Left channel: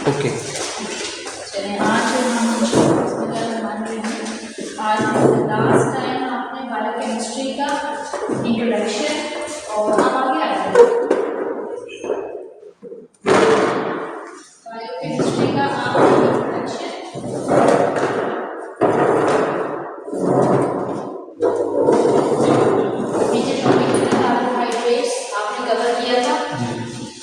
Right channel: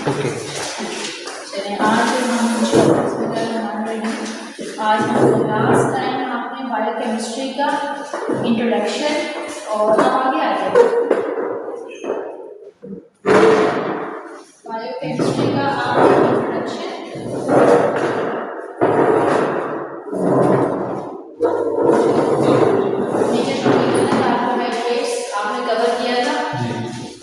Okay. चलिए आज आज लास्ट टाइम आपने बायोकेमिस्ट्री का इंट्रोडक्शन और अब आगे आ जाए बायोकेमिस्ट्री का आपने इंट्रोडक्शन मेजर टॉपिक कार्बोहाइड्रेट्स आपने कवर किया था।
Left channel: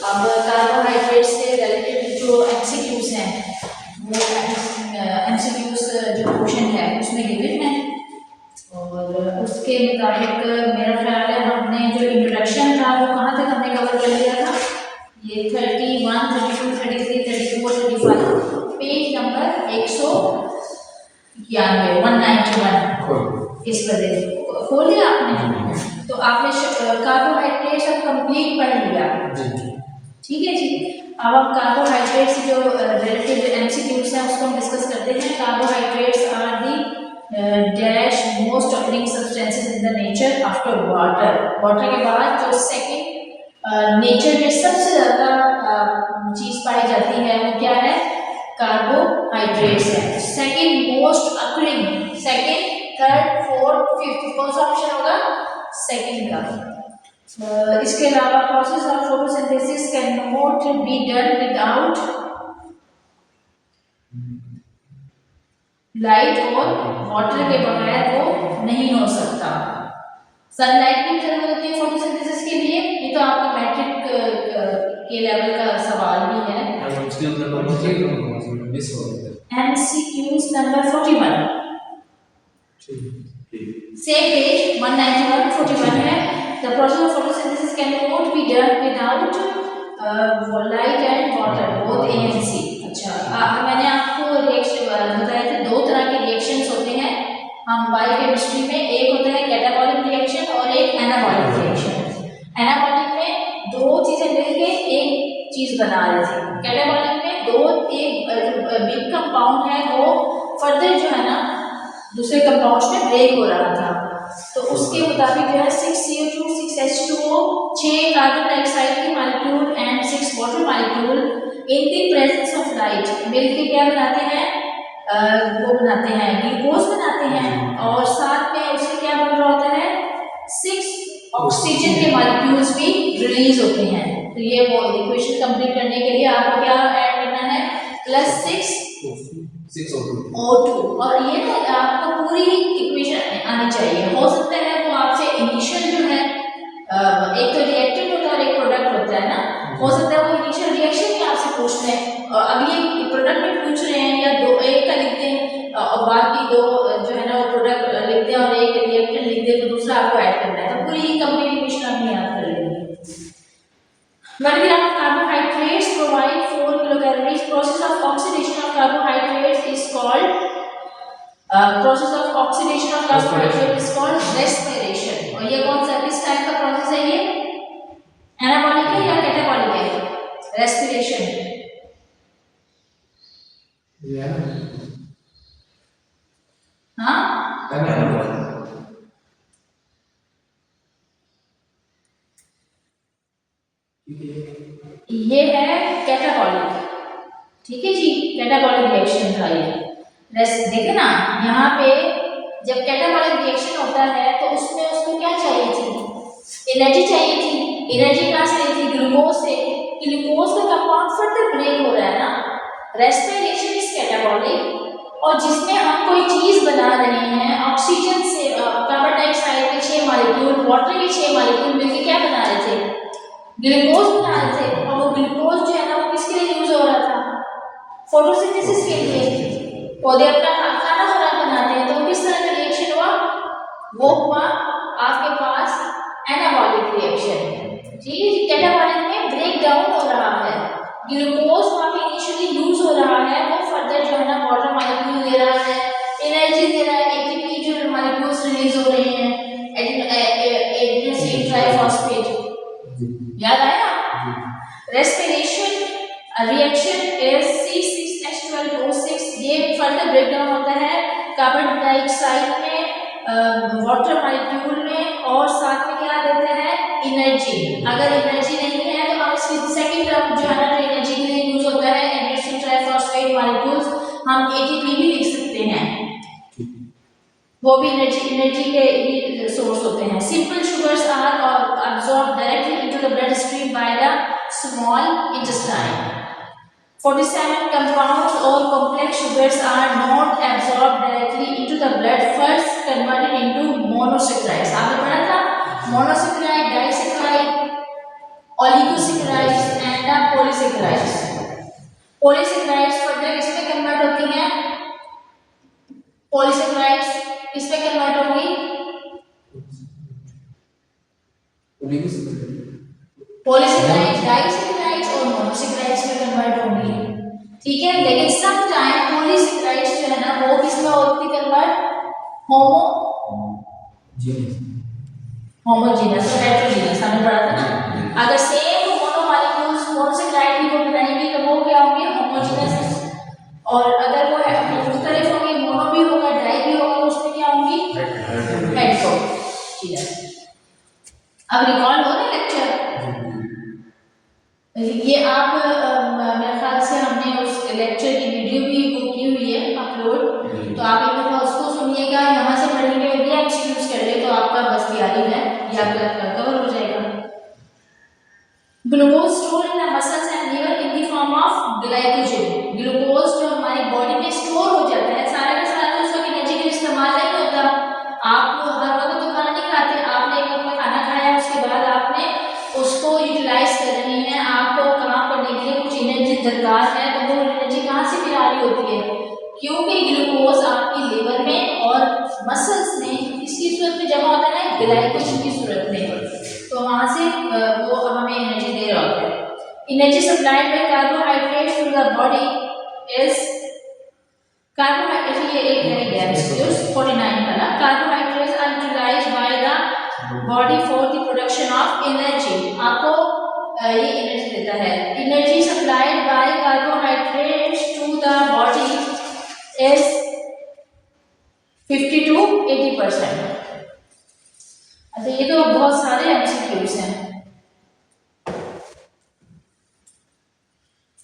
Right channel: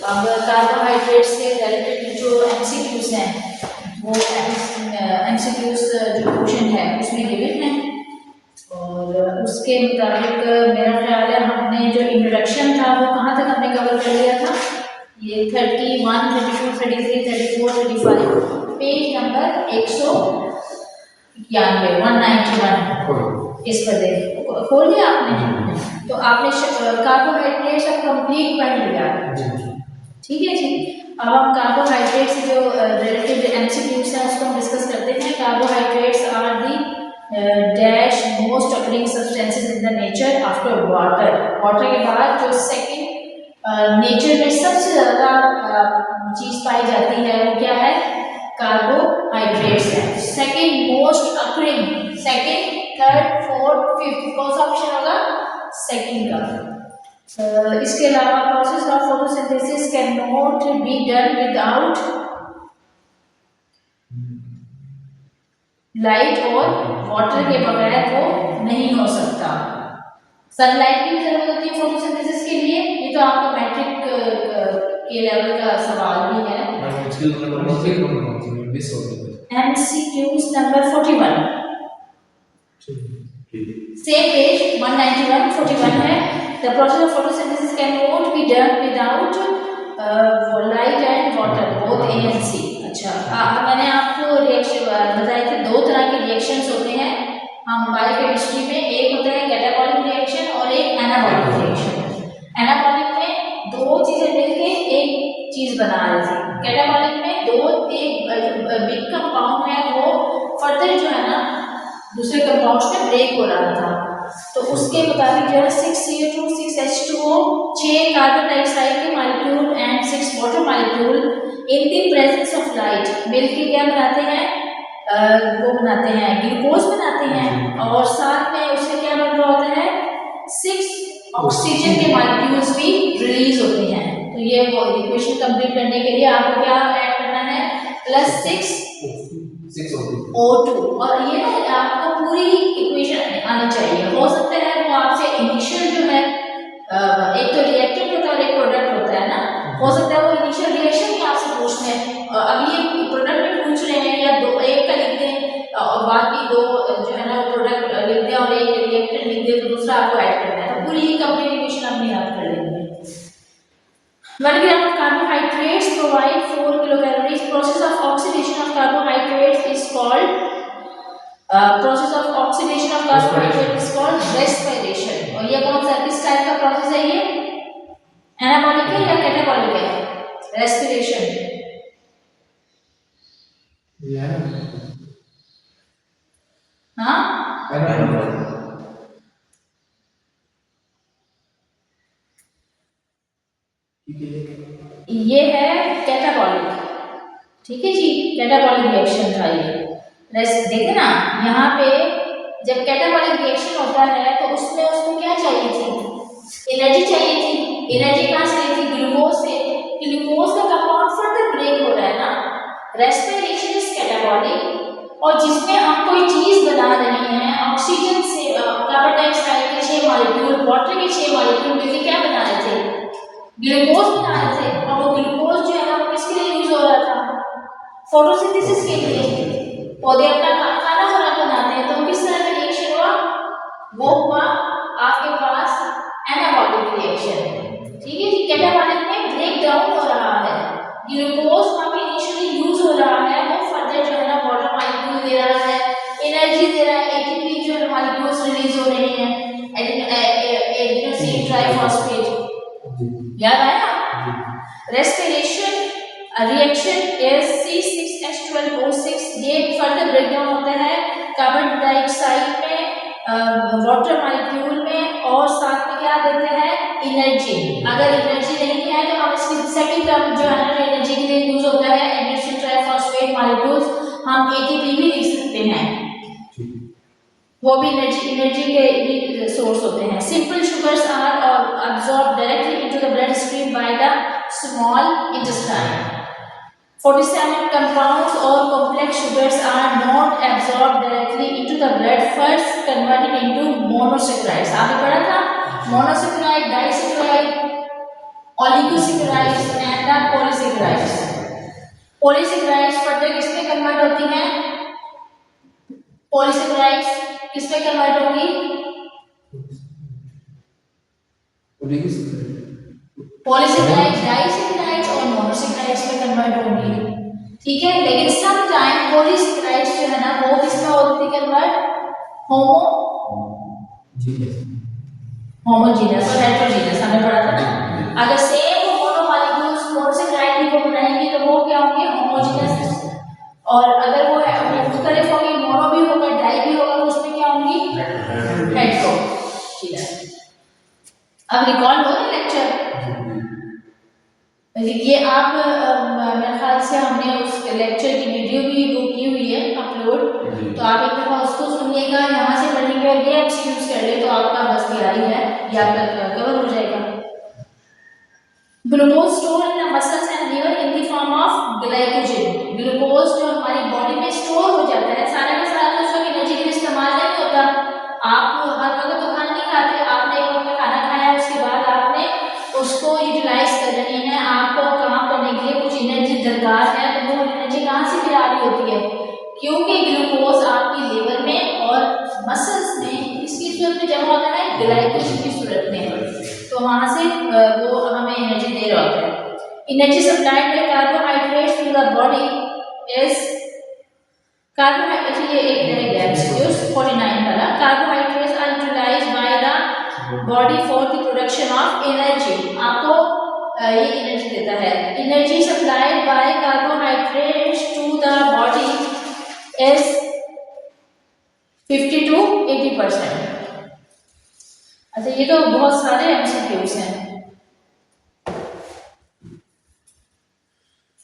अब कार्बोहाइड्रेट्स से रिलेटेड जो एमसीक्यूज हैं वो एमसीक्यूज जो क्वेश्चन है उसमें गिवन है और उसके मुताबिक मेरा ख्याल है हमने जो इंट्रोडक्शन था वो कहाँ तक हमने कवर कर लिया था। ये 31, 32, 33, 34, 35 पेज नंबर 191 इस पर देखिए खोल लिया आपने। तो आपने कार्बोहाइड्रेट्स अब कंप्लीट पढ़ लिया, ठीक है जी। अब हम कार्बोहाइड्रेट से जो रिलेटेड एमसीक्यूज हैं उसको हम डिस्कस करते हैं। Carbohydrates are the dash most occurring substances in the nature after water. Water के बाद जो सेकंड नेचर में सबसे ज़्यादा चीज़ पाई जाती है वो क्या है, कार्बोहाइड्रेट्स है। Second most occurring, second, third, fourth, fifth, कौन सा ऑप्शन होगा, सेकंड का। इसके अलावा process of photosynthesis can not be done without light और वाटर के बगैर वो नहीं हो सकता। सनलाइट की जरूरत होती है फोटोसिंथेसिस के लिए, ये तो आपका मैट्रिक के लेवल का सवाल भी है। एमसीक्यूज नंबर 41 सेम पेज 191 41 है। The process of photosynthesis cannot be done without light and water, both A and C। अच्छा, मैंने आपको रिएक्शन बताए थे, दो तरह के रिएक्शंस होते हैं हम बायोकेमिस्ट्री में। एक होता है कैटाबॉलिक रिएक्शन और एक एनाबॉलिक रिएक्शन। एनाबॉलिक में दो चीजें मिलके एक चीज बना रहे थे। कैटाबॉलिक में एक बिग कंपाउंड है वो फर्दर जो है ना दूसरे कंपाउंड्स में ब्रेक हो रहा था, तो उसके मुताबिक जो है 6CO2, 6H2O, 6 कार्बन डाइऑक्साइड के molecule and 6 water molecule in the presence of light मिलके क्या बनाते हैं, वो बनाते हैं ग्लूकोज बनाते हैं और साथ में उससे क्या बन रहा होता है, 6 ऑक्सीजन के मॉलिक्यूल्स भी रिलीज होते हैं। तो ये वो इक्वेशन कंप्लीट करने के लिए आपको क्या ऐड करना है, +6 O2। और ये ना आपको पूरी इक्वेशन आनी चाहिए। हो सकता है वो आपसे इनिशियल जो है एक तो रिएक्टेंट होता है और एक प्रोडक्ट होता है ना, हो सकता है वो इनिशियल रिएक्शन ही आपसे पूछ लें। अब ये प्रोडक्ट में पूछ रहे हैं या दो, एक का लिख दें और बाकी दो जो है ना वो प्रोडक्ट लिख दें और एक रिएक्टेंट लिख दें, तो दूसरा आपको ऐड करना है, तो पूरी कंप्लीट इक्वेशन अपनी याद कर लेंगे। 1 gram of carbohydrates provide 4 kilocalories. Process of oxidation of carbohydrates is called respiration। और ये कौन सा किस टाइप का प्रोसेस है, ये एनाबॉलिक है या कैटाबॉलिक है, रेस्पिरेशन। हाँ ये है कैटाबॉलिक, ठीक है जी, कैटाबॉलिक रिएक्शन था ये। देखे ना यहाँ पे जब कैटाबॉलिक रिएक्शन होता है तो उसमें उसको क्या चाहिए थी, एनर्जी चाहिए थी। एनर्जी कहाँ से ली थी, ग्लूकोज से। ग्लूकोज का कंपाउंड फर्दर ब्रेक हो रहा है ना, रेस्पिरेशन इज कैटाबॉलिक। और जिसमें हम कोई चीज बना रहे हैं ऑक्सीजन से, कार्बन डाइऑक्साइड के 6 मॉलिक्यूल, वाटर के 6 मॉलिक्यूल मिलकर क्या बना रहे थे, ग्लूकोज बना रहे थे। और वो ग्लूकोज जो है ना वो किसके लिए यूज हो रहा था, फोटोसिंथेसिस के लिए। पौधे अपना खाना बनाते हैं, तो किस तरह का रिएक्शन हुआ, वो हुआ आपके पास एनाबॉलिक रिएक्शन, ठीक है जी। कैटाबॉलिक में ब्रेक डाउन हो रहा है, ग्लूकोज वहाँ पे इनिशियली यूज हो रहा है, वो फर्दर जो है ना वाटर मॉलिक्यूल दे रहा है, एनर्जी दे रहा है, एटीपी जो मॉलिक्यूल्स रिलीज हो रहे हैं, एडिनोसिन ट्राइफॉस्फेट, याद आया। रेस्पिरेशन रिएक्शन इज C6H12O6, ये फर्दर ब्रेकडाउन होता है कार्बन डाइऑक्साइड में, वाटर मॉलिक्यूल में, और साथ में क्या देता है, एनर्जी। अगर एनर्जी नहीं है तो हम इसकी सेकंड टर्म जो है ना एनर्जी के लिए यूज होता है एडिनोसिन वो भी एनर्जी के ही सोर्स होते हैं। Simple sugars are absorb directly into the blood stream by the small intestine. 47 compounds or complex sugars are not absorbed directly into the blood, first converted into monosaccharides। आपने पढ़ा था monosaccharide, disaccharide, oligosaccharides and the polysaccharides। polysaccharides further किसमें convert होती हैं? polysaccharides किसमें convert होंगी? polysaccharides, disaccharides और monosaccharides में कन्वर्ट होंगी, ठीक है। लेकिन सम टाइम polysaccharides जो है ना वो किसमें होती है कन्वर्ट? होमोजीनस और हेटेरोजीनस हमने पढ़ा था ना। अगर सेम मोनोमॉलिक्यूल्स मोनोसैकेराइड भी वो बनाएंगे तो वो क्या होंगे? होमोजीनस। और अगर वो मुख्तलिफ होंगे, मोनो भी होगा डाई भी होगा, तो उसमें क्या होंगी? हेटेरोजीनस। अब रिकॉल हो रहा है लेक्चर? ये आप मेरे ख्याल से हमने उस लेक्चर की वीडियो भी वो की हुई है अपलोड, तो आप एक दफ़ा उसको सुनिएगा, यहाँ से पढ़ेंगे और ये एमसीक्यूज कर ले तो आपका बस तैयारी है, ये आपका कवर हो जाएगा। Glucose store in the muscles and liver in the form of glycogen. Glucose जो हमारी बॉडी में स्टोर हो जाता है, सारे का सारा तो उसका एनर्जी के लिए इस्तेमाल नहीं होता। आप हर वक्त तो खाना नहीं खाते, आपने एक वक्त खाना खाया उसके बाद आपने उसको यूटिलाइज कर रहे हैं, आपको काम करने के लिए कुछ एनर्जी दरकार है, तो वो एनर्जी कहाँ से फिर आ रही होती है? क्योंकि ग्लूकोज आपकी लिवर में और मसल्स में किसकी सूरत में जमा होता है? ग्लाइकोजन की सूरत में, तो वहाँ से वो हमें एनर्जी दे रहा होता है। Energy supplied by carbohydrates to the body is carbohydrate, ये एक एमसीक्यूज 49 वाला। Carbohydrates are utilised by the body for the production of energy. आपको ये एनर्जी देता है। Energy supplied by carbohydrates to the body is 50 to 80%। अच्छा, ये तो बहुत सारे एमसीक्यूज हैं,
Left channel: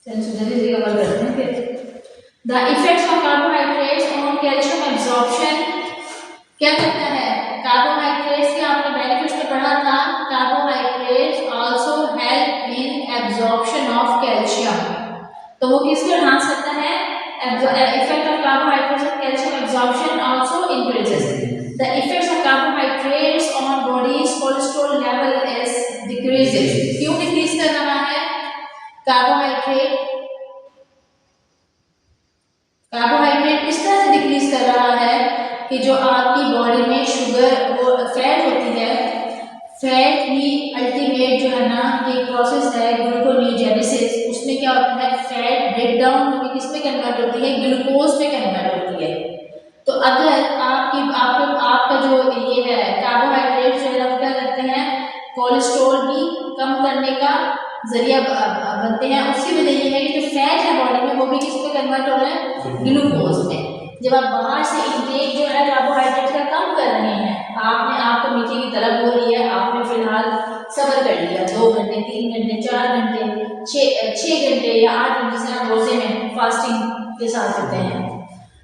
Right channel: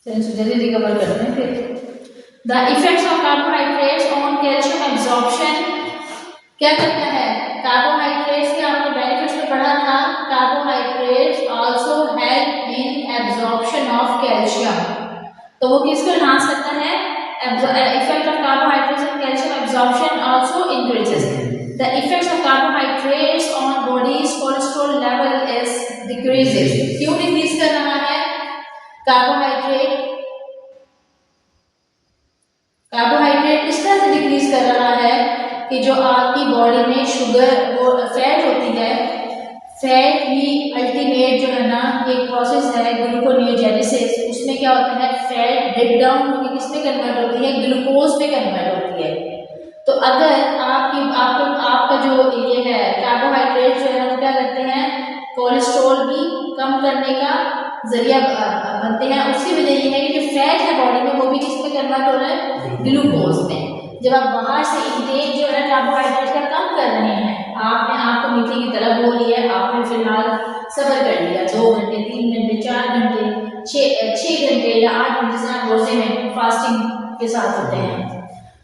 जल्दी कवर करते हैं फिर। The effects of carbohydrates on calcium absorption. क्या करता है कार्बोहाइड्रेट्स के? आपने बेनिफिट्स में पढ़ा था, carbohydrates also help in absorption of calcium. तो वो किसको एनहांस करता है? Effect of carbohydrates on calcium absorption also increases. The effects of carbohydrates on bodies cholesterol level is decreases. क्यों डिक्रीज कर रहा है कार्बोहाइड्रेट? कार्बोहाइड्रेट इस तरह से डिक्रीज कर रहा है कि जो आपकी बॉडी में शुगर वो फैट होती है, फैट ही अल्टीमेट जो है ना एक प्रोसेस है ग्लूकोनियोजेनेसिस, उसमें क्या होता है? फैट ब्रेक डाउन होकर किस में कन्वर्ट होती है? ग्लूकोज में कन्वर्ट होती है। तो अगर आपका जो ये है कार्बोहाइड्रेट जो है वो क्या करते हैं? कोलेस्ट्रॉल भी कम करने का जरिया बनते हैं। उसकी वजह ये है कि जो फैट है बॉडी में वो भी किस में कन्वर्ट हो रहा है? ग्लूकोज में। जब आप बाहर से इंटेक जो है कार्बोहाइड्रेट का कम कर रहे हैं, आपको मीठे की तलब हो रही है, आपने फिलहाल सब्र कर लिया 2 घंटे 3 घंटे 4 घंटे 6 घंटे या 8 घंटे से आप रोजे में फास्टिंग के साथ होते हैं,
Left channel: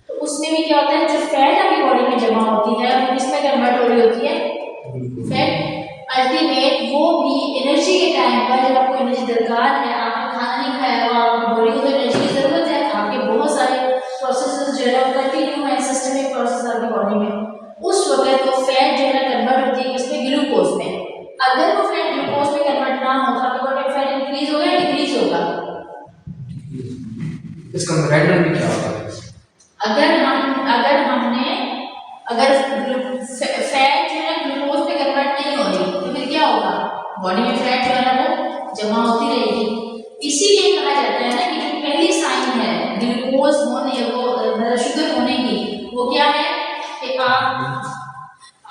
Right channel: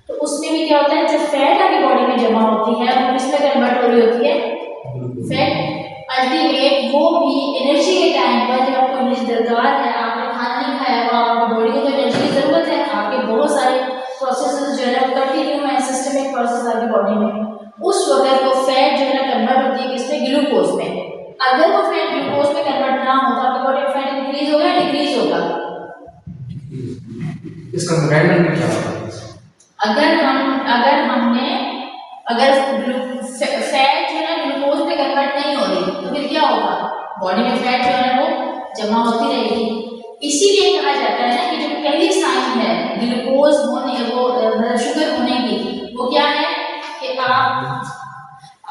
तो उसमें भी क्या होता है? जो फैट आपकी बॉडी में जमा होती है वो किस में कन्वर्ट हो रही होती है? फैट। अल्टीमेट वो भी एनर्जी के टाइम पर जब आपको एनर्जी दरकार है, आपने खाना नहीं खाया हुआ, आपकी बॉडी को तो एनर्जी की जरूरत है, आपके बहुत सारे प्रोसेसेस जो है वो कंटिन्यू है, सिस्टमिक प्रोसेस आपकी बॉडी में, उस वक्त वो फैट जो है कन्वर्ट होती है किसमें? ग्लूकोज में। अगर वो फैट ग्लूकोज में कन्वर्ट ना हो तो आपकी बॉडी में फैट इंक्रीज होगा या डिक्रीज होगा? इसका मेकेनिज्म क्या होगा? अगर फैट जो है ग्लूकोज में कन्वर्ट नहीं हो रही तो फिर क्या होगा? बॉडी में फैट जो है वो जमा होती रहेगी। इसीलिए कहा जाता है ना कि जो पहली साइन है ग्लूकोज होने वो शुगर होने की, वो क्या है कि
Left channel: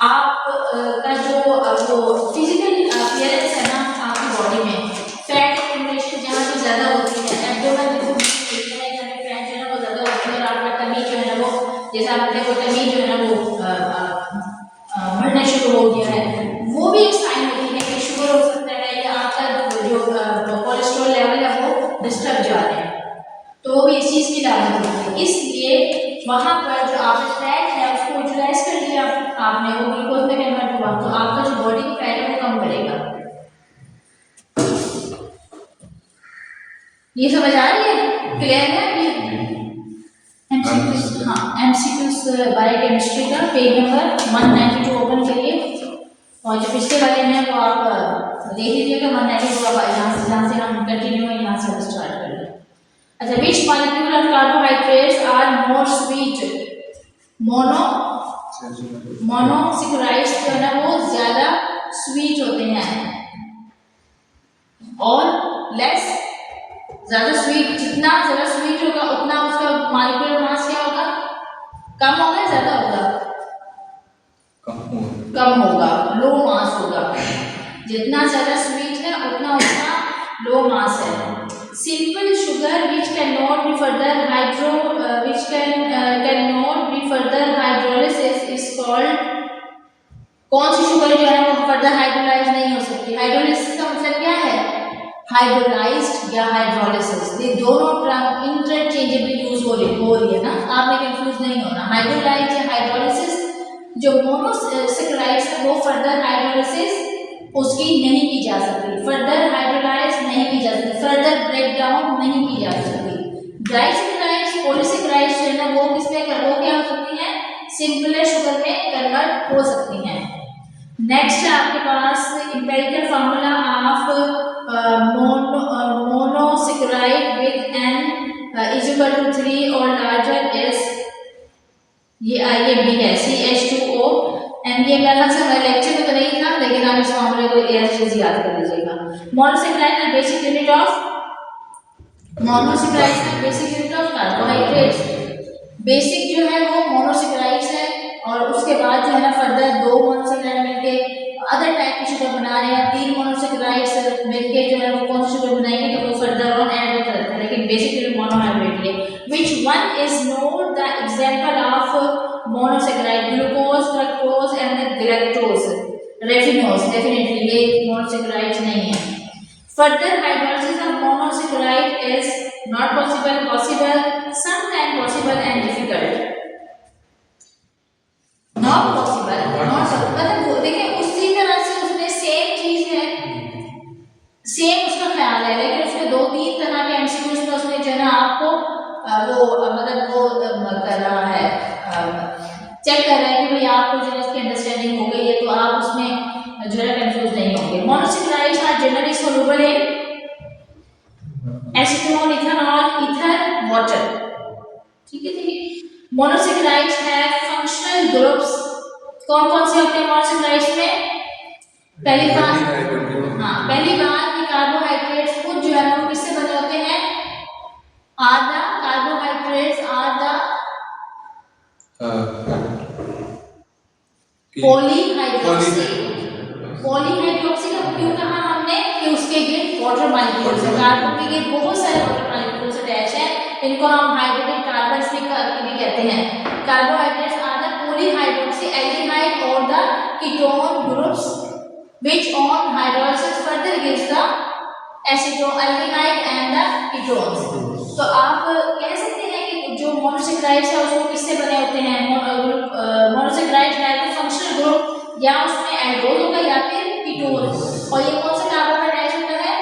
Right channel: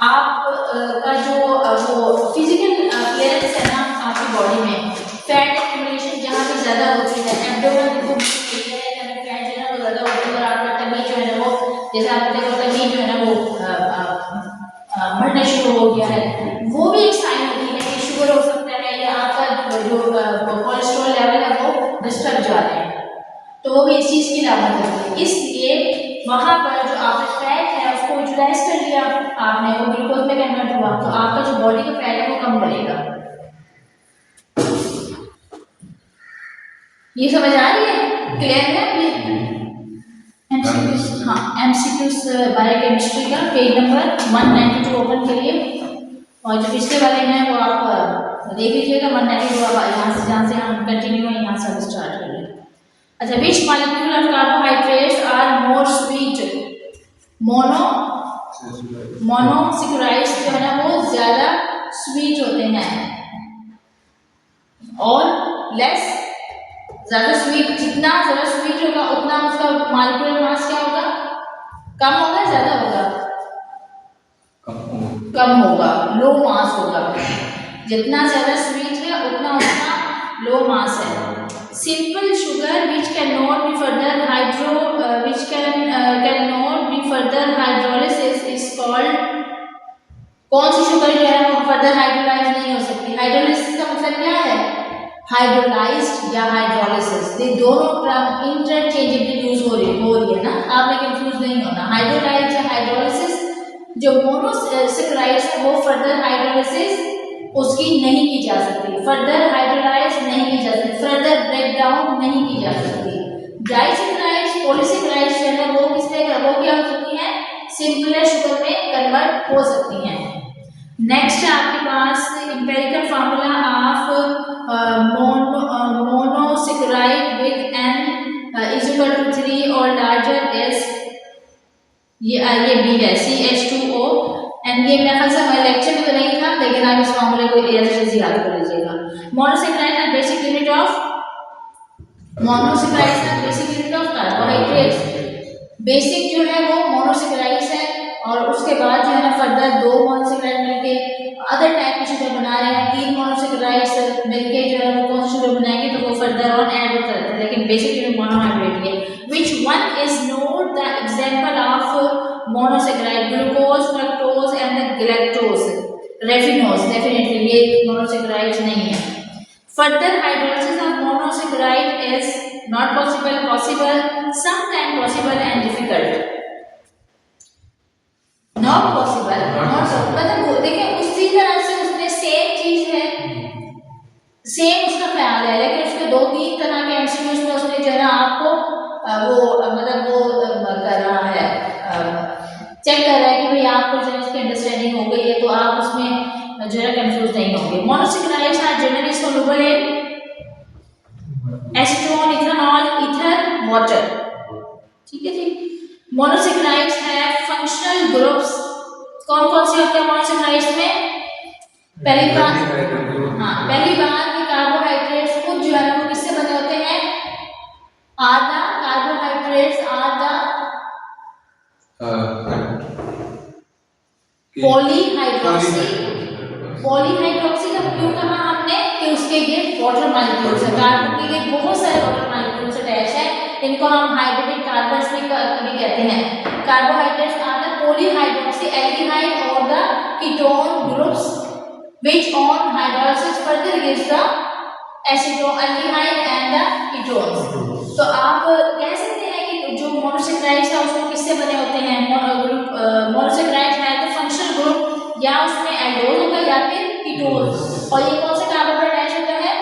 आप का जो वो फिजिकल अपीयरेंस है ना आपकी बॉडी में, फैट एक्यूमुलेशन जहाँ भी ज़्यादा होती है, एब्डोमेन को फैट जो है ना वो ज़्यादा होती है, और आपका टमी जो है ना वो, जैसे आप देखो टमी जो है ना वो बढ़ना शुरू हो गया है, वो भी एक साइन होती है कि शुगर हो सकता है या आपका जो कोलेस्ट्रॉल लेवल है वो डिस्टर्ब जा रहे हैं, तो वो भी इस चीज़ की अलामत होती है। इसलिए वहाँ पर जो आपका फैट है को यूटिलाइज कर लिया आपने, वो ग्लूकोज में कन्वर्ट हुआ, तो आपका जो बॉडी का फैट है वो कम करेगा। ये समझ आ रही है? क्लियर है? ये एमसीक्यूज, हाँ एमसीक्यूज बायोकेमिस्ट्री का पेज नंबर 192 ओपन करिए, और जो पिछले वाले हैं वो आप देख लीजिएगा। 192 आप जहाँ से हम कंटिन्यू है यहाँ से हम स्टार्ट कर लें। अच्छा, which molecule of carbohydrates are more sweet? Monosaccharides जो है ना वो ज्यादा स्वीट होते हैं, और लेस, ज्यादा स्वीट, जितना ज्यादा स्वीट होगा उतना उसका मॉलिक्यूलर मास क्या होगा? कम होगा, ज्यादा होगा? कम होगा, लो मास होगा। जितना ज्यादा स्वीट है उतना उसका लो मास है। Simple sugar which can not be further hydrolysis is called, कौन सी शुगर जो है वो फर्दर हाइड्रोलाइज नहीं हो सकती? हाइड्रोलिसिस का मतलब क्या है? हाइड्रोलाइज्ड या हाइड्रोलिसिस, ये दोनों टर्म इंटरचेंजेबली यूज हो रही है ना, आपने कंफ्यूज नहीं होना। हाइड्रोलाइज्ड या हाइड्रोलिसिस, जो मोनोसेकेराइड्स है वो फर्दर हाइड्रोलिसिस उसकी नहीं की जा सकती, फर्दर हाइड्रोलाइज नहीं की जा सकती, फर्दर ब्रेक डाउन नहीं की जा सकती। डाइसेकेराइड्स, पॉलीसेकेराइड्स जो है वो किसमें, वो क्या हो सकती हैं? सिंपलर शुगर में कन्वर्ट हो सकती हैं। नेक्स्ट है आपके पास empirical formula of monosaccharide with n is equal to 3 और लार्जर इज, ये बी है CH2O, एंड ये मेरे ख्याल से हमारे लेक्चर में तो नहीं था, लेकिन आप इस फार्मूले को एज याद कर लीजिएगा। मोनोसेकेराइड का बेसिक यूनिट ऑफ, मोनोसेकेराइड का basic unit of carbohydrates, basic जो है वो मोनोसेकेराइड्स है, और उसके बाद जो है ना फर्दर दो मोनोसेकेराइड मिलके अदर टाइप की शुगर बना रहे हैं, 3 मोनोसेकेराइड्स मिलके जो है वो कौन सी शुगर बनाएंगे, तो वो फर्दर ऑन ऐड होता रहता है, लेकिन बेसिक यूनिट मोनोहाइड्रेट है। Which one is not the example of monosaccharide? Glucose, fructose and the galactose, raffinose, definitely ये monosaccharides नहीं है। Further hydrolysis of monosaccharide is not possible, sometimes possible and difficult। Not possible, मतलब देखिए उसी तरह से उसमें सेम चीज है, सेम उसका ख्याल है, लेकिन उसके 2-3 तरह के एमसीक्यूज में उसने जो है ना आपको वो मतलब वो कर रहा है, चेक कर रहा है कि भाई आपको जो है इसकी अंडरस्टैंडिंग हो गई है, तो आप उसमें जो है कंफ्यूज नहीं होंगे। Monosaccharides are generally soluble in acetone, ethanol, ether, water. ठीक है जी। मोनोसेकेराइड्स है फंक्शनल ग्रुप्स, कौन कौन से होते हैं मोनोसेकेराइड्स में? पहली बात कि कार्बोहाइड्रेट्स खुद जो है ना वो किससे बने होते हैं? आधा कार्बोहाइड्रेट्स आधा पॉलीहाइड्रोक्सी, पॉलीहाइड्रोक्सी का क्यों कहा हमने कि उसके ये वाटर मॉलिक्यूल्स है, कार्बन के ये बहुत सारे वाटर मॉलिक्यूल्स अटैच है, इनको हम हाइड्रेटेड कार्बन्स भी कहते हैं। Carbohydrates are the polyhydroxy aldehyde और the ketone groups which on hydrolysis further gives the acetaldehyde and the ketones। तो आप कह सकते हैं कि जो मोनोसेकेराइड्स है उसको किससे बने होते हैं? मोनोसेकेराइड्स है तो फंक्शनल ग्रुप या उसमें एल्डोल होगा या फिर कीटोन, और ये कौन से कार्बन पर अटैच होता है?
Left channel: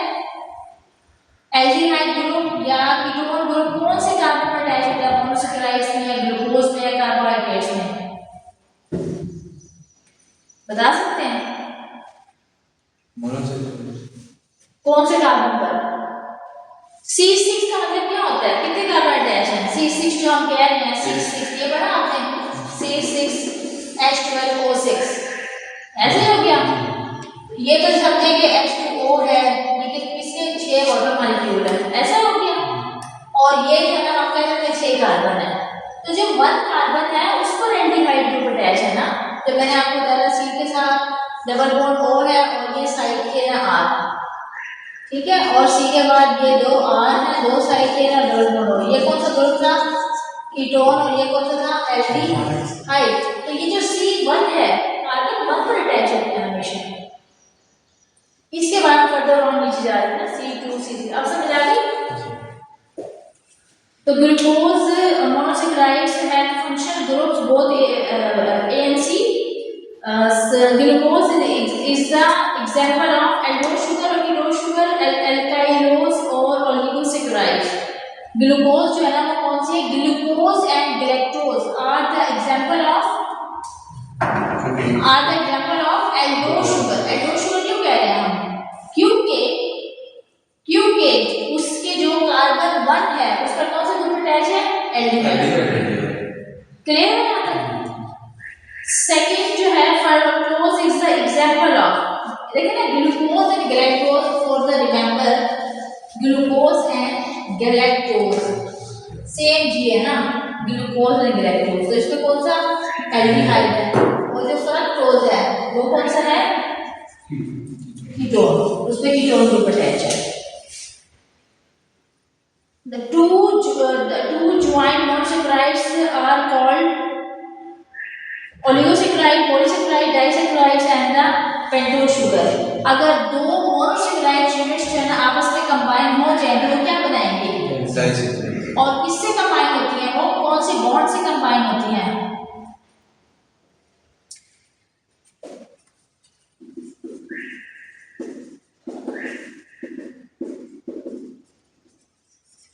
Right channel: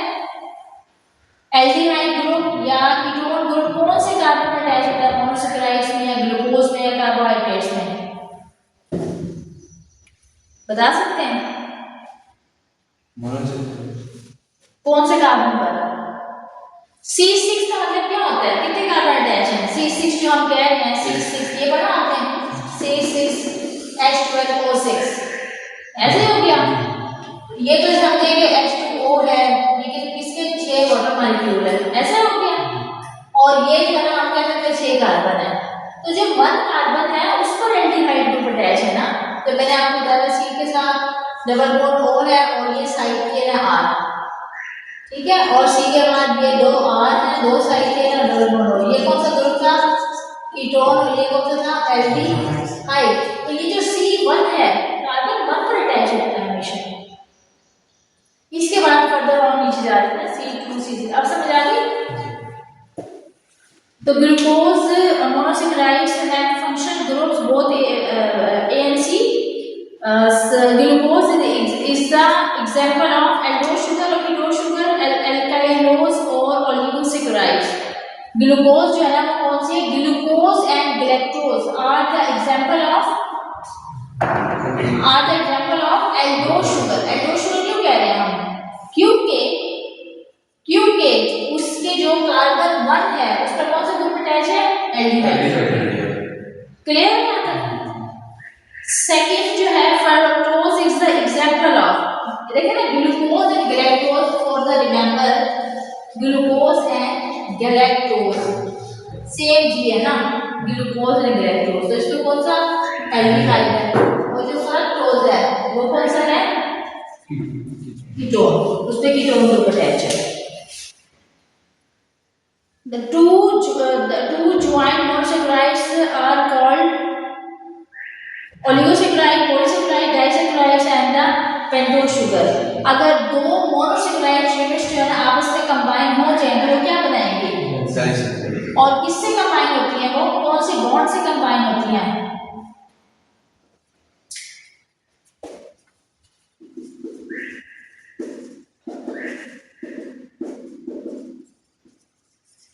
एल्डिहाइड ग्रुप या कीटोन ग्रुप, कौन से कार्बन पर अटैच होता है मोनोसेकेराइड्स में या ग्लूकोज में या कार्बोहाइड्रेट्स में? बता सकते हैं कौन से कार्बन पर? C6 का मतलब क्या होता है? कितने कार्बन अटैच हैं? C6 जो हम कह रहे हैं, C6 ये पढ़ा आपने, C6H12O6, ऐसे हो गया। ये तो समझे कि H2O है, लेकिन इसके 6 वाटर मॉलिक्यूल है, ऐसा हो गया। और ये जो है हम कह सकते हैं 6 कार्बन है, तो जो 1 कार्बन है उस पर एल्डिहाइड ग्रुप अटैच है ना, तो मैंने आपको बताया C के साथ डबल बॉन्ड O है और ये साइड के ना R, ठीक है, और C के बाद ये 2 R है, 2 साइड के ना डबल बॉन्ड O। ये कौन सा ग्रुप था? कीटोन, और ये कौन सा था? एल्डिहाइड। तो ये जो C1 है कार्बन 1 पर अटैच होता है हमेशा, इसके बाद फर्दर ऑन नीचे जा रहे हैं C2 C3। अब समझ आ गई? तो glucose monosaccharides have functional groups both A and C. Glucose is the example of aldose sugar or ketose sugar, alkylose or oligosaccharides. Glucose जो है ना वो कौन सी है? Glucose and galactose are the example of aldose sugar. Aldose sugar क्यों कह रहे हैं हम? क्योंकि उसके जो कार्बन 1 है उस पर कौन सा ग्रुप अटैच है? एल्डिहाइड। क्लियर है यहाँ तक? सेकंड जो है fructose is the example of, देखिए ना, glucose and galactose for the remember, glucose and galactose same जी है ना, ग्लूकोज एंड गैलेक्टोज। तो इसमें कौन सा? एल्डिहाइड है। और जो फ्रक्टोज है वो कौन सा है? कीटोन, उस पे कीटोन ग्रुप अटैच है। The two joined monosaccharides are called oligosaccharide, polysaccharide, disaccharides and the pentose sugar। अगर दो मोनोसैकेराइड यूनिट्स जो है ना आपस में कंबाइन हो जाए तो वो क्या बनाएंगे? डाइसैकराइड। और किससे कंबाइन होती हैं? वो कौन से बॉन्ड से कंबाइन होती हैं?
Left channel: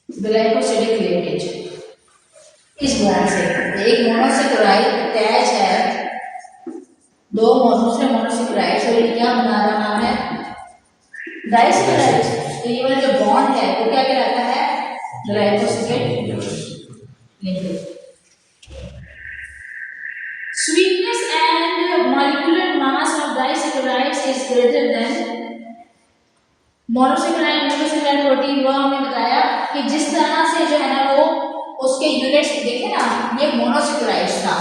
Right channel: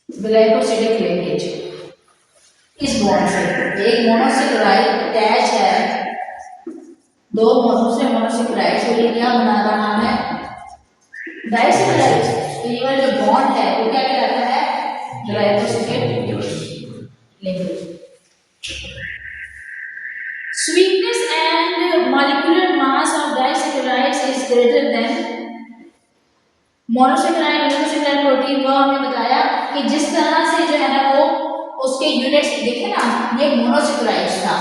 ग्लाइकोसिडिक लिंकेज, इस बॉन्ड से। एक मोनोसैकेराइड अटैच है दो दूसरे मोनोसैकेराइड से, ये क्या बना रहा है? डाइसैकेराइड। ये वाला जो बॉन्ड है वो क्या कहलाता है? Glycosidic linkage. Sweetness and molecular mass of disaccharides is greater than monosaccharide monosaccharide protein. वो हमें बताया कि जिस तरह से जो है ना वो उसके यूनिट्स देखे ना, ये मोनोसैकेराइड्स था।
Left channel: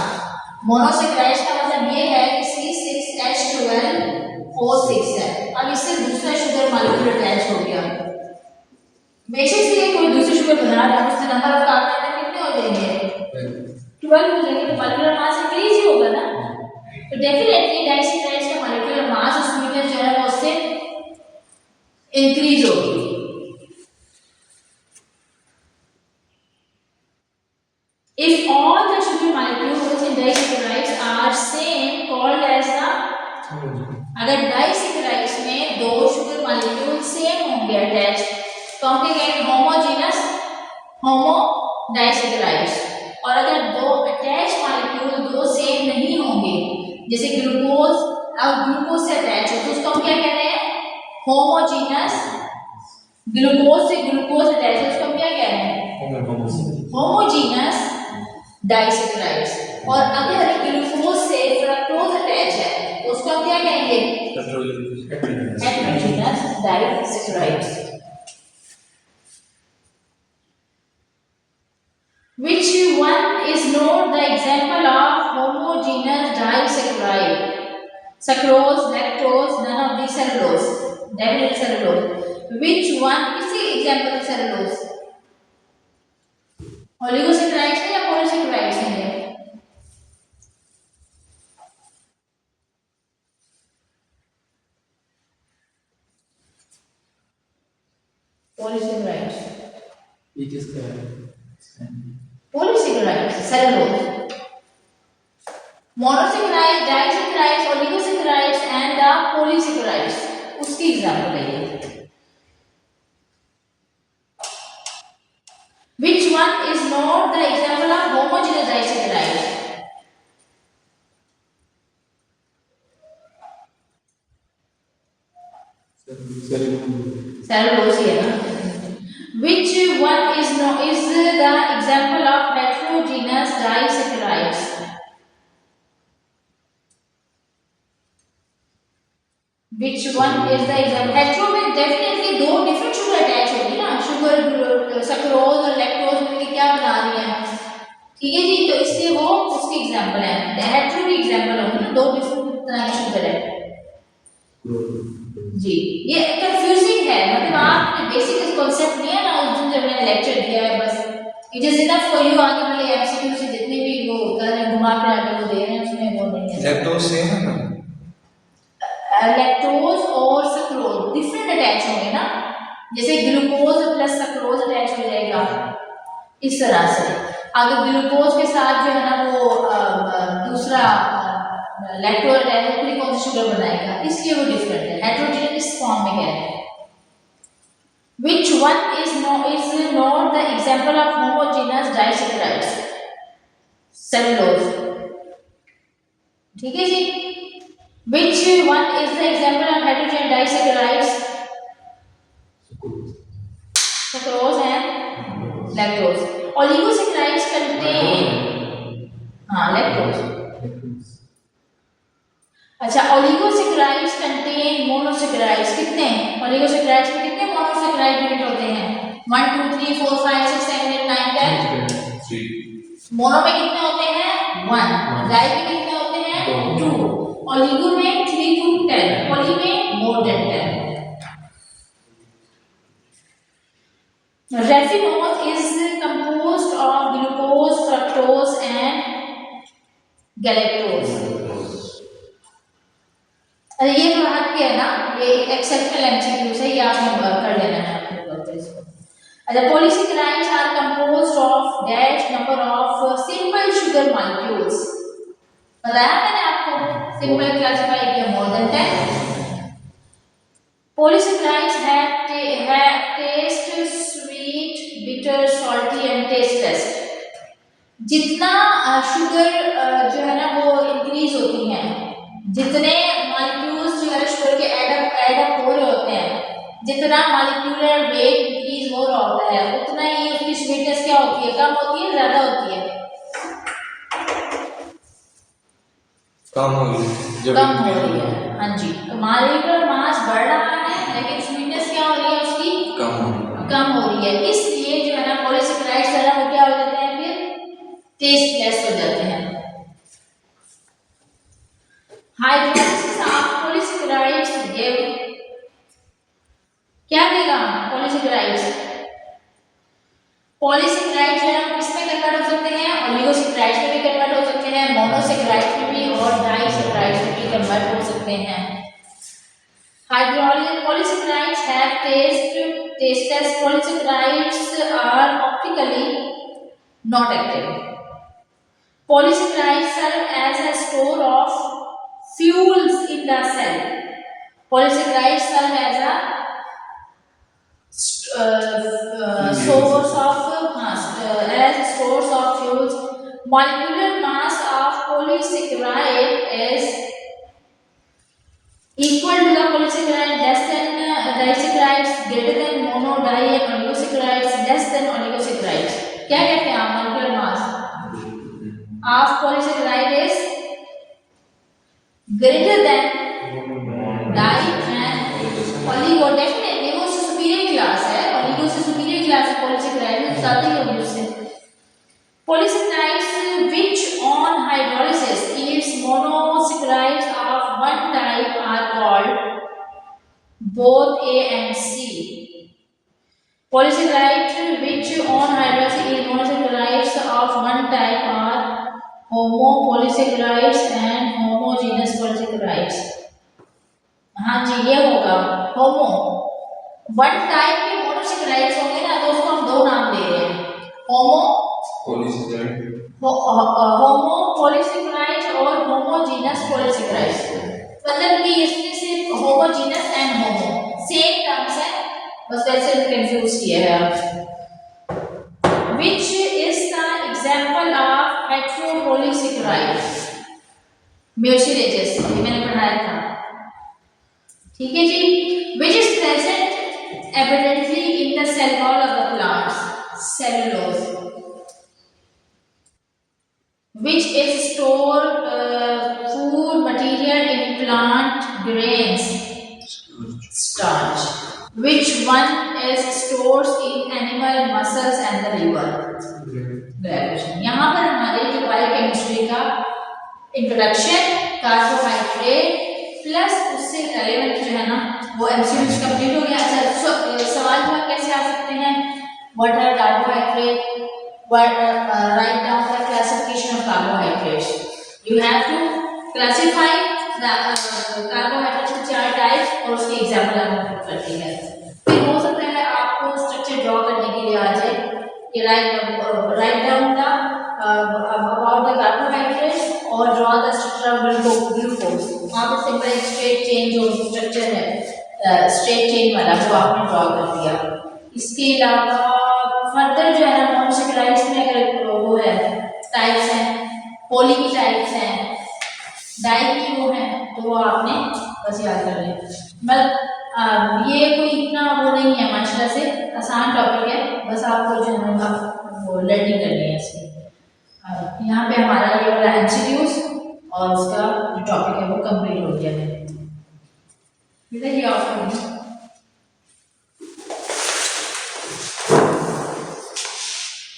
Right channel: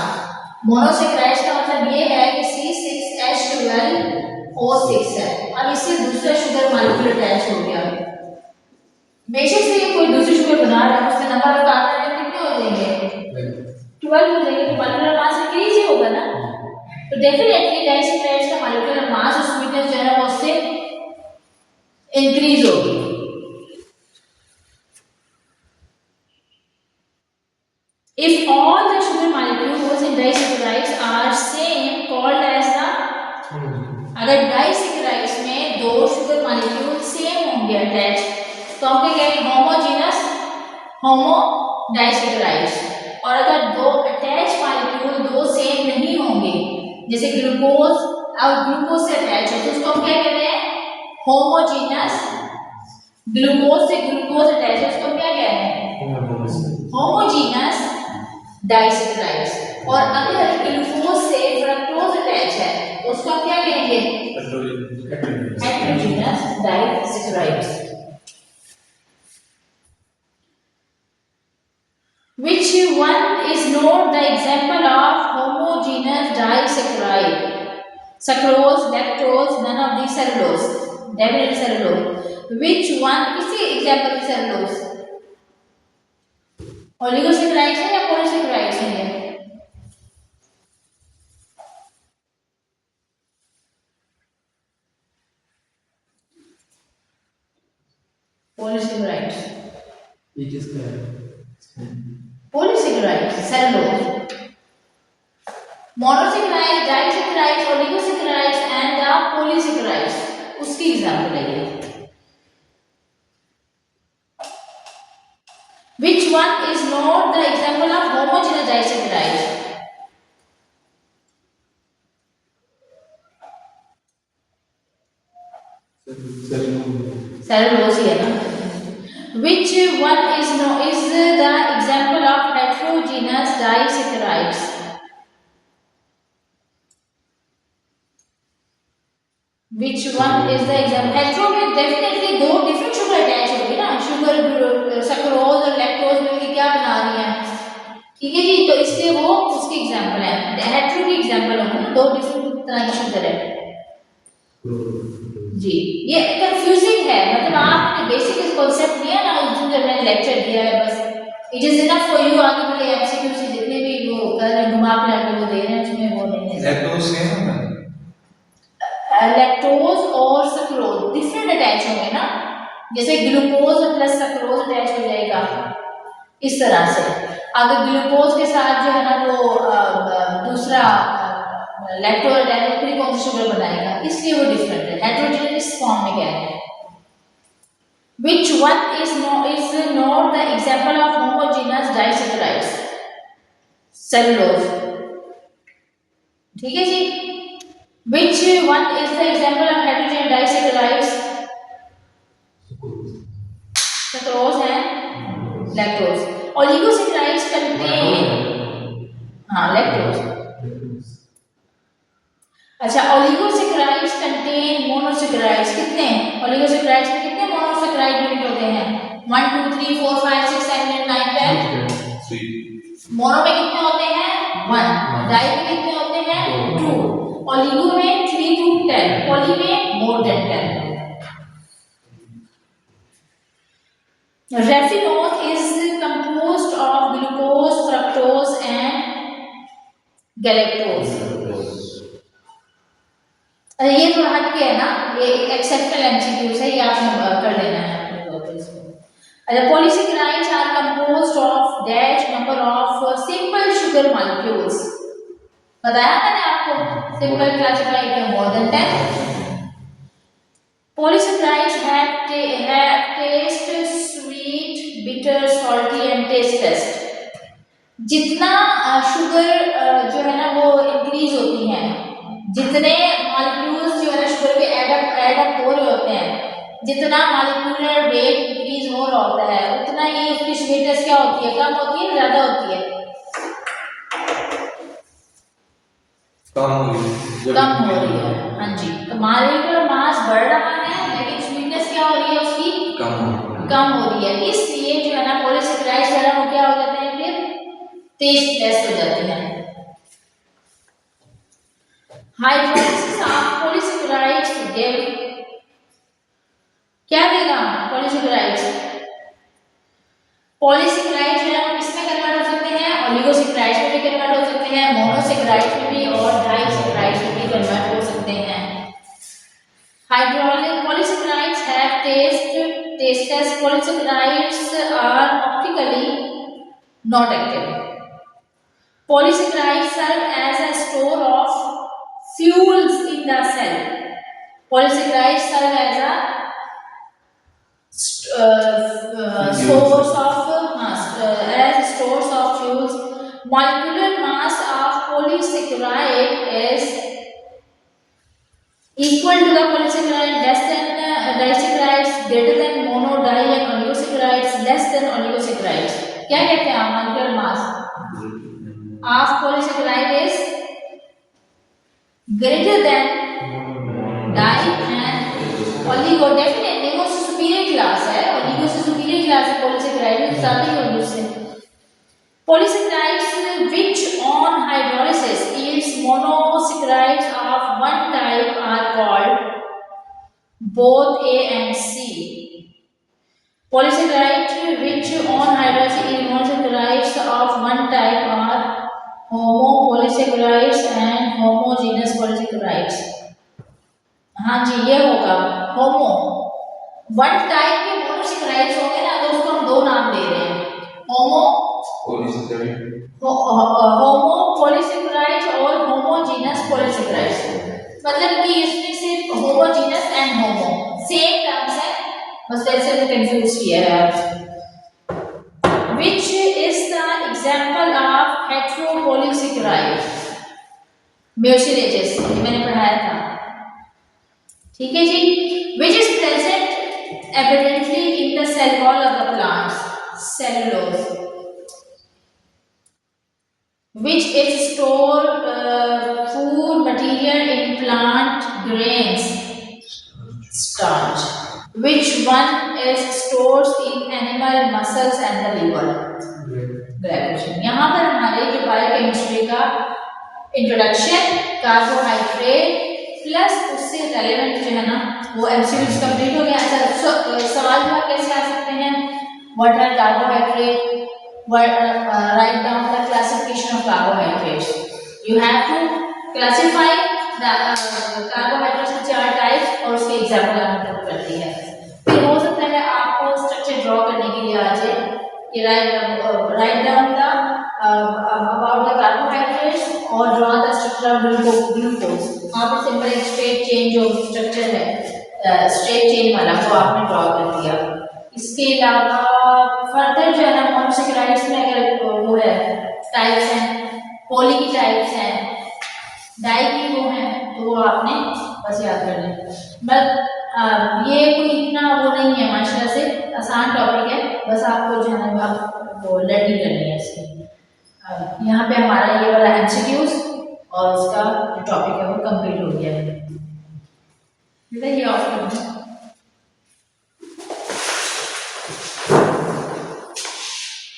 मोनोसैकेराइड्स का मतलब ये है कि C6H12O6 है। अब इससे दूसरा शुगर मॉलिक्यूल अटैच हो गया। बेशक से ये कोई दूसरी शुगर बना रहा है, उसमें नंबर ऑफ कार्बन एटम कितने हो जाएंगे? 12 हो जाएंगे। तो मॉलिक्यूलर मास इंक्रीज ही होगा ना। तो डेफिनेटली डाइसैकराइड्स का मॉलिक्यूलर मास और स्वीटनेस जो है ना वो उससे इंक्रीज होगी। If all the sugar molecules in disaccharides are same, called as the, अगर डाइसैकराइड्स में दो शुगर मॉलिक्यूल सेम होंगे अटैच, तो हम क्या कहेंगे? होमोजेनस होमो डाइसैकराइड्स। और अगर दो अटैच मॉलिक्यूल दो सेम नहीं होंगे, जैसे ग्लूकोज और ग्लूकोज से अटैच हो, तो उसको हम क्या कह रहे हैं? होमोजेनस। ग्लूकोज से ग्लूकोज अटैच है, उसको हम क्या कह रहे हैं? होमोजेनस डाइसैकराइड्स। और अगर ग्लूकोज से फ्रक्टोज अटैच है तो उसको हम क्या कहेंगे? Heterogeneous डाइसैकराइड्स। Which one is not the example of homogeneous disaccharide? Sucrose, lactose, none of these cellulose. Definitely cellulose. Which one? किसी example of cellulose? ओलिगोसैकेराइड्स है या पॉलीसैकेराइड्स है? Polysaccharides. It is the polysaccharides, cellulose. Monosaccharides, disaccharides, oligosaccharides and the polysaccharides, उसकी example है ये। Which one is not the example of homogeneous disaccharide? Cellulose है ना। Which one is the example of heterogeneous disaccharides? Which one is the example? Hetero में definitely दो different sugar attach होगी ना, sugar sucrose और lactose मिलकर क्या बना रही हैं? ठीक है जी, तो इसलिए वो उसकी एग्जांपल है। हेटेरो की एग्जांपल होंगे, दो डिफरेंट तरह की शुगर है जी। ये कंफ्यूजिंग है, मतलब आपने बेसिक कॉन्सेप्ट लिया ना उस दिन जब मैंने लेक्चर दिया है, बस it is enough for you. आगे वाले एमसीक्यू से जितने भी वो कर रहे हैं घुमा फिरा के वो दे रहे हैं, उसमें वो नहीं है। लैक्टोज से है ना, लैक्टोज और सक्रोज डिफरेंट अटैच होंगे ना, जैसे ग्लूकोज प्लस सक्रोज अटैच हो जाएगा इस तरह से। अगर ग्लूकोज के साथ जो है ना वो दूसरा लैक्टोज अटैच पूरी कौन सी शुगर बनाएगा, इसलिए वो डिफरेंट है, हेटेरोजेनियस फॉर्म में कह रहे हैं। Which one is not the example of homogeneous disaccharides? Cellulose. ठीक है जी। Which one is the example of heterogeneous disaccharides? Sucrose and lactose. Oligosaccharides contain lactose. अच्छा, ओलिगोसैकेराइड्स कंटेन मोनोसैकेराइड्स। कितने ओलिगोसैकेराइड्स में कितने मोनोसैकेराइड यूनिट होते हैं? 1 2 3 4 5 6 7 8 9 10। मोनो में कितने होते हैं? 1। डाई में कितने होते हैं? 2। ओलिगो में 3 to 10, पॉली में मोर than 10। Raffinose is composed of glucose, fructose and galactose। ये तो हट के है ना, ये एक्सेप्शनल एमसीक्यूज है, ये आपने कर लेना है अपने तौर पे इसको। अच्छा, polysaccharides are composed of dash number of simple sugar molecules. बताया मैंने आपको, सिंपल क्लासिफाइड है more than 10। Polysaccharides have taste, sweet, bitter, salty and tasteless। जितना शुगर जो है ना वो इंक्रीज होती है, जितने मॉलिक्यूल्स जो है शुगर के ऐड अप हो रहे होते हैं, जितना मॉलिक्यूलर वेट इंक्रीज हो रहा होता है, उतना ही उसकी स्वीटनेस क्या होती है? कम होती है, ज्यादा होती है? कम हो रही है। हाँ जी, मॉलिक्यूलर मास बढ़ रहा है लेकिन स्वीटनेस क्या हो रही है उसकी? कम हो रही है। इसलिए जो है ना पॉलीसैकेराइड्स जो है वो क्या हो जाते हैं? फिर टेस्टलेस हो जाते हैं। हाइड्रोलिसिस ऑफ पॉलीसैकेराइड्स गिव क्या देगा? पॉलीसैकेराइड्स जो है किसमें कन्वर्ट हो सकते हैं? ओलिगोसैकेराइड्स में भी कन्वर्ट हो सकते हैं, मोनोसैकेराइड्स में भी और डाइसैकेराइड्स में भी कन्वर्ट हो सकते हैं। Hydraulic polysaccharides have tasteless polysaccharides are optically not active। Polysaccharides serve as a store of fuels in the cell। Polysaccharides serve as a source of fuels। Molecular mass of polysaccharide is equal to the polysaccharide less than disaccharides, greater than mono, di and oligosaccharides, less than oligosaccharides। क्या कहते हैं आप? molecular mass of polysaccharide is greater than di and oligo। Definitely वो superior class है, oligo से superior class है polysaccharide, ज्यादा ही होगी उससे। Polysaccharides which on hydrolysis yields monosaccharides of one type are called both A and C। Polysaccharides which on hydrolysis yield monosaccharides of one type are homopolysaccharides and homogeneous polysaccharides। हाँ जी, ये होगा होमो। One type के monosaccharides होंगे ना तो उसको हम दो नाम दे रहे हैं, होमो पॉलीसैकेराइड्स और होमोजेनस पॉलीसैकेराइड्स। मतलब कि इसमें सिर्फ homogenous and homo same terms है, बस वैसे में कंफ्यूज किया है आप। Which is the example of heteropolysaccharide? Mucilages, ये मैंने पढ़ाया था, ठीक है जी। Which is present evidently in the cell wall of the plants? Cellulose. Which is stored food material in plant grains? Starch। Which one is stored in animal muscles and the liver? Glycogen। यहाँ पर हमारे जो biochemistry का introduction, carbohydrate plus उससे relevant जो है ना वो एमसीक्यूज कंप्लीट हो गया। अच्छा, सवाल जवाब कैसे आ सकते हैं? What are carbohydrate? Write down the classification of carbohydrates। You have to classify the carbohydrates to 4 types और उसके एग्जाम्पल आपको पुट करती है। फिर हो सकता है आपको स्ट्रक्चर ड्रॉ करने के लिए आ जाए कि write down the चेन जो स्ट्रक्चर है स्ट्रेट चेन वाला वो आपने ड्रॉ कर दिया। इसके अलावा फर्दर जो है ना मोनोसेक्राइड्स में अगर वो है टाइप्स हैं, पॉली की टाइप्स हैं, डाई की वो है, तो वो आपने बस याद कर लें। बट ये कोई इतना वो नहीं है, माशाल्लाह से आसान टॉपिक है, बस आपको जो है ना वो लर्निंग करनी है इसकी। यहाँ पे हमारा ये वाला एमसीक्यूज और उसका जो टॉपिक है वो कंप्लीट हो गया है। ये ऑफ कर